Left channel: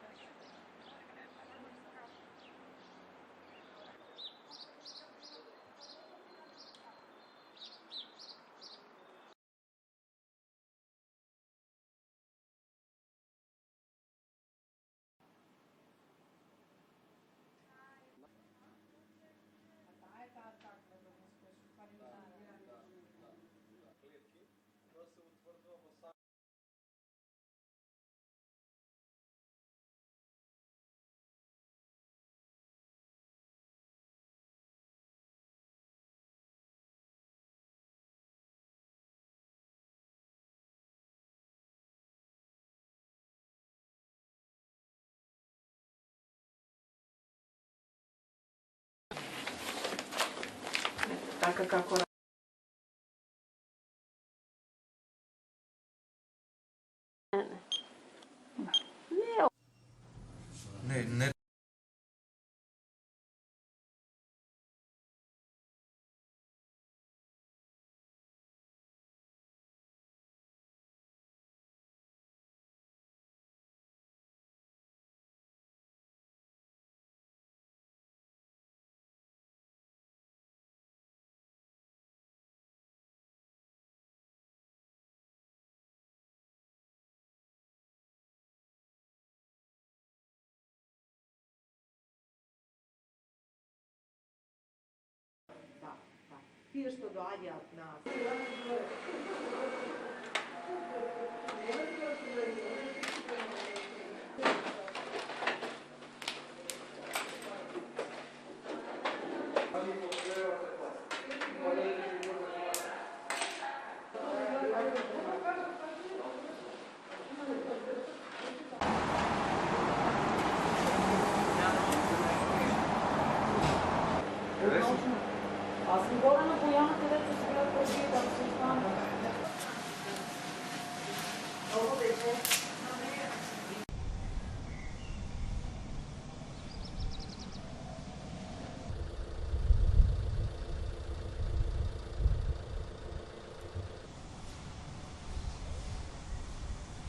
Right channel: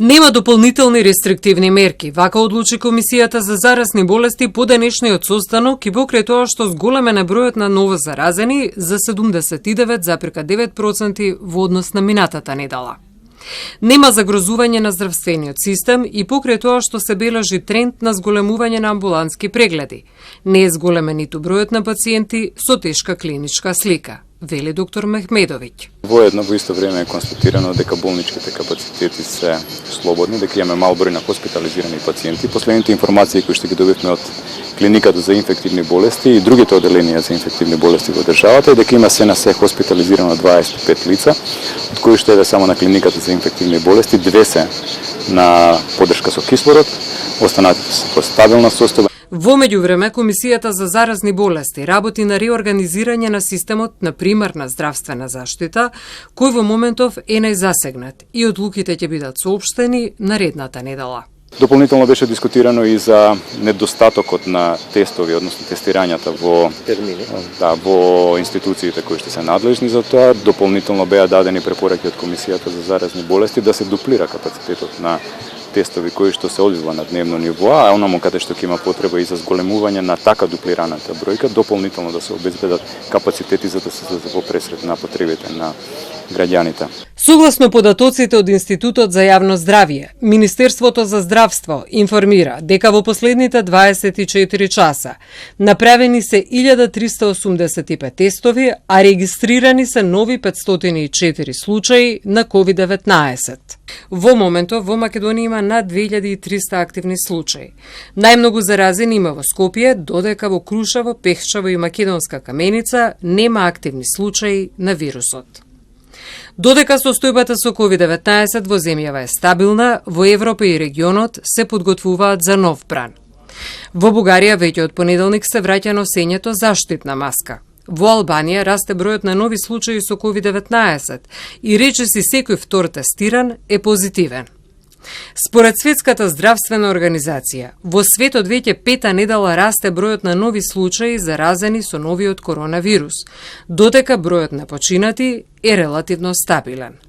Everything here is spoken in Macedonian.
Нема дополнителни рестриктивни мерки, вака одлучи Комисијата за заразни болести по денешниот состанок и покрај тоа што зголемена бројот на ново заразени за 79,9% во однос на минатата недела. Нема загрозување на здравствениот систем и покрај тоа што се бележи тренд на зголемување на амбулантски прегледи. Не е зголемен ниту бројот на пациенти со тешка клиничка слика, вели доктор Мехмедовиќ. Воедно во исто време е констатирано дека болничките капацитети се слободни, дека имаме мал број на хоспитализирани пациенти. Последните информации кои што ги добивме од клиниката за инфективни болести и другите оделенија за инфективни болести во државата е дека има се на се хоспитализирано 25 лица, од кои што е само на клиниката за инфективни болести 2 се на поддршка со кислород, останатите се во стабилна состојба. Во меѓувреме, Комисијата за заразни болести работи на реорганизирање на системот на примарна здравствена заштита, кој во моментов е најзасегнат и одлуките ќе бидат соопштени наредната недела. Дополнително беше дискутирано и за недостатокот на тестови, односно тестирањата во во институциите кои што се надлежни за тоа. Дополнително беа дадени препораки од Комисијата за заразни болести да се дуплира капацитетот на тестови кои што се одвива на дневно ниво, а онаму каде што ќе има потреба и за зголемување на така дуплираната бројка, дополнително да се обезбедат капацитети за да се во пресред на потребите на граѓаните. Согласно податоците од Институтот за јавно здравје, Министерството за здравство информира дека во последните 24 часа направени се 1385 тестови, а регистрирани се нови 504 случаи на COVID-19. Во моментов во Македонија има над 2300 активни случаи. Најмногу заразени има во Скопје, додека во Крушево, Пехчево и Македонска Каменица нема активни случаи на вирусот. Додека состојбата со COVID-19 во земјава е стабилна, во Европа и регионот се подготвуваат за нов бран. Во Бугарија веќе од понеделник се враќа носењето заштитна маска. Во Албанија расте бројот на нови случаи со COVID-19 и речиси секој втор тестиран е позитивен. Според Светската здравствена организација, во светот веќе пета недела расте бројот на нови случаи заразени со новиот коронавирус, додека бројот на починати е релативно стабилен.